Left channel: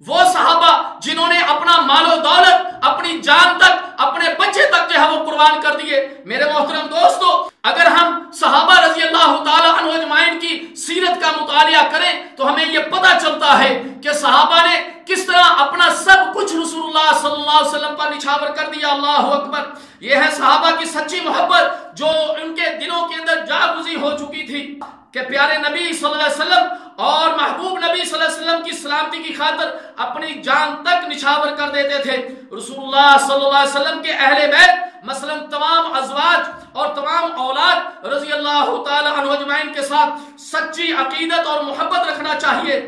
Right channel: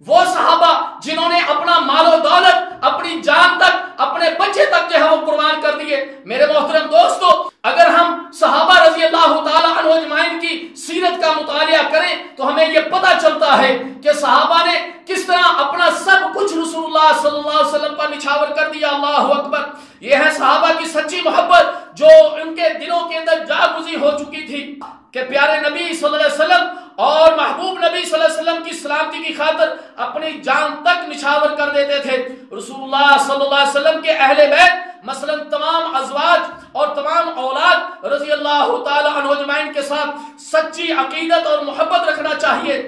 وہ صحابہ جنہوں نے اپنا مال و دولت، اپنی جان تک، اپنے بچے تک جو ہے وہ قربان کر دیے۔ میرے محترم دوستو، اگر ہم صحابہ رضی اللہ تعالی عنہ اجمعین کی سیرت کا مطالعہ کریں تو ہمیں یہ پتہ چلتا ہے کہ صحابہ نے کس طرح اپنا سب کچھ رسول اللہ صلی اللہ علیہ وسلم پر نچھاور کر دیا۔ اللہ اکبر! یہ ہے صحابہ کی سچی محبت جو ان کے دلوں کے اندر جاگزی ہو چکی تھی کہ پیارے نبی صلی اللہ علیہ وسلم اور محبوب نبی صلی اللہ علیہ وسلم کی سلامتی کی خاطر اپنی جان تک نچھاور کر دیتے تھے۔ رسول اللہ صلی اللہ علیہ وسلم کے اہل بیت مثلا تمام ازواج اور تمام اولاد رضی اللہ تعالی عنہ اجمعین کے ساتھ سچی عقیدت اور محبت رکھنا چاہیے۔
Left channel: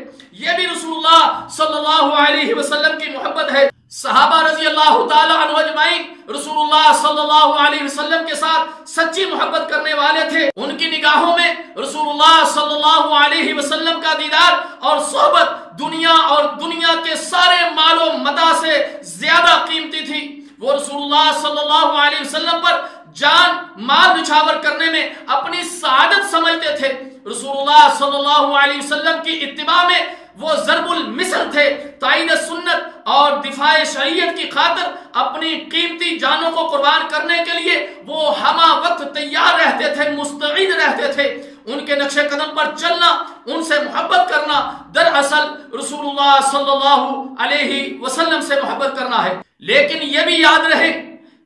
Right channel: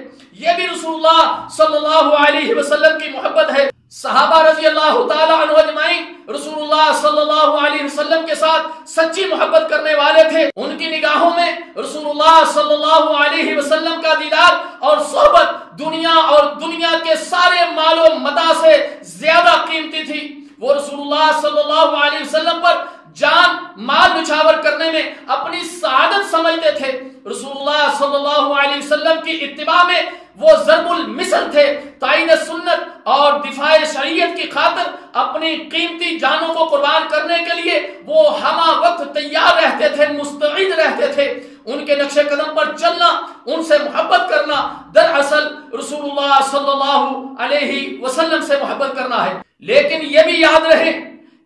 یہ بھی رسول اللہ صلی اللہ علیہ وسلم کی محبت ہے۔ صحابہ رضی اللہ تعالی عنہ اجمعین رسول اللہ صلی اللہ علیہ وسلم کے ساتھ سچی محبت کرنے والے تھے۔ ان کی نگاہوں میں رسول اللہ صلی اللہ علیہ وسلم کا دیدار اور صحبت دنیا اور دنیا کے سارے مال و متاع سے زیادہ قیمتی تھی۔ وہ رسول اللہ صلی اللہ علیہ وسلم پر جان مال نچھاور کرنے میں اپنی سعادت سمجھتے تھے۔ رسول اللہ صلی اللہ علیہ وسلم کی اتباع میں وہ ضرب المثل تھے۔ تائید سنت اور دفاع شریعت کی خاطر اپنی قیمتی جانوں کو قربان کرنے کے لیے وہ ہمہ وقت تیار رہتے تھے، مستعد رہتے تھے۔ ان کے نقش قدم پر چلنا، ان سے محبت کرنا دراصل رسول اللہ صلی اللہ علیہ وسلم سے محبت کرنا ہے۔ لیکن یہ بھی یاد رہے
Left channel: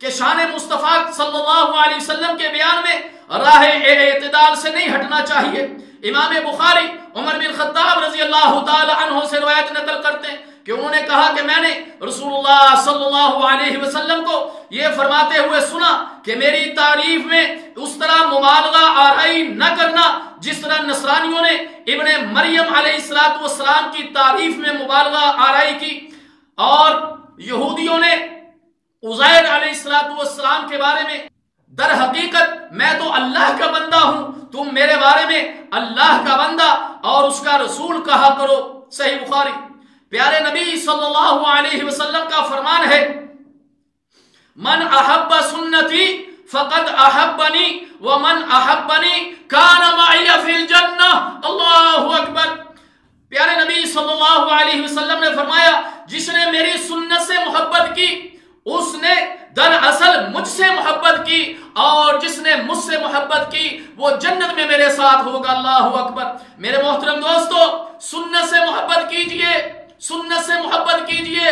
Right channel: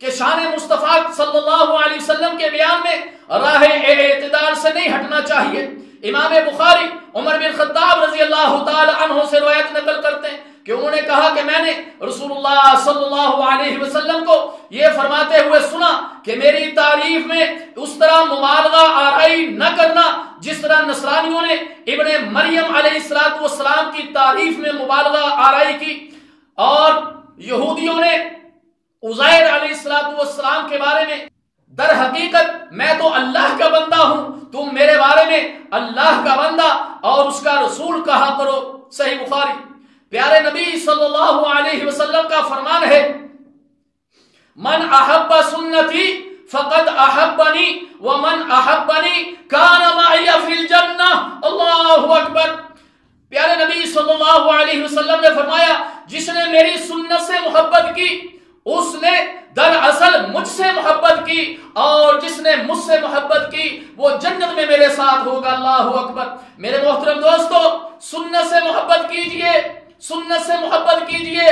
کہ شان مصطفیٰ صلی اللہ علیہ وسلم کے بیان میں راہ اعتدال سے نہیں ہٹنا چاہیے۔ امام بخاری عمر بن خطاب رضی اللہ تعالی عنہ سے روایت نقل کرتے ہیں کہ انہوں نے کہا کہ میں نے رسول اللہ صلی اللہ علیہ وسلم کو یہ فرماتے ہوئے سنا کہ میری تعریف میں اس طرح مبالغہ آرائی نہ کرنا جس طرح نصرانیوں نے ابن مریم علیہ السلام کی تعریف میں مبالغہ آرائی کی، اور یہودیوں نے عزیر علیہ السلام کے بارے میں در حقیقت میں تو اللہ کا بندہ ہوں، تم میرے بارے میں اللہ کا بندہ اور اس کا رسول کہا کرو۔ صحیح بخاری۔ پیارے نبی صلی اللہ علیہ وسلم کا فرمان ہے، من احب سنتی فقد احبنی ومن احبنی کان معی فی الجنہ۔ اللہ اکبر! پیارے نبی صلی اللہ علیہ وسلم نے فرمایا، جس نے میری سنت سے محبت کی اس نے دراصل مجھ سے محبت کی، اور جس نے مجھ سے محبت کی وہ جنت میں میرے ساتھ ہوگا۔ اللہ اکبر! میرے محترم دوستو، سنت سے محبت کیجئے، سنت سے محبت کیجئے۔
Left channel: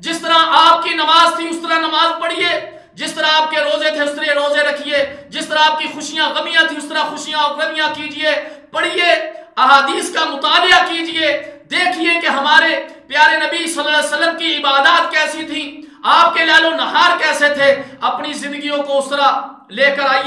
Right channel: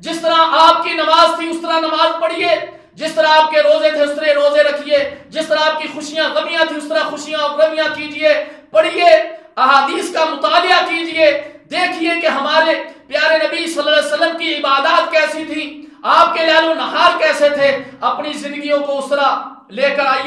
جس طرح آپ کی نماز تھی اس طرح نماز پڑھیے، جس طرح آپ کے روزے تھے اس طرح روزے رکھیے، جس طرح آپ کی خوشیاں غمیاں تھی اس طرح خوشیاں اور غمیاں کیجئے، پڑھیے، احادیث کا مطالعہ کیجئے، دیکھیے کہ ہمارے پیارے نبی صلی اللہ علیہ وسلم کی عبادات کیسی تھی، آپ کے لیل و نہار کیسے تھے، اپنی زندگیوں کو اس طرح لے کر آئیے۔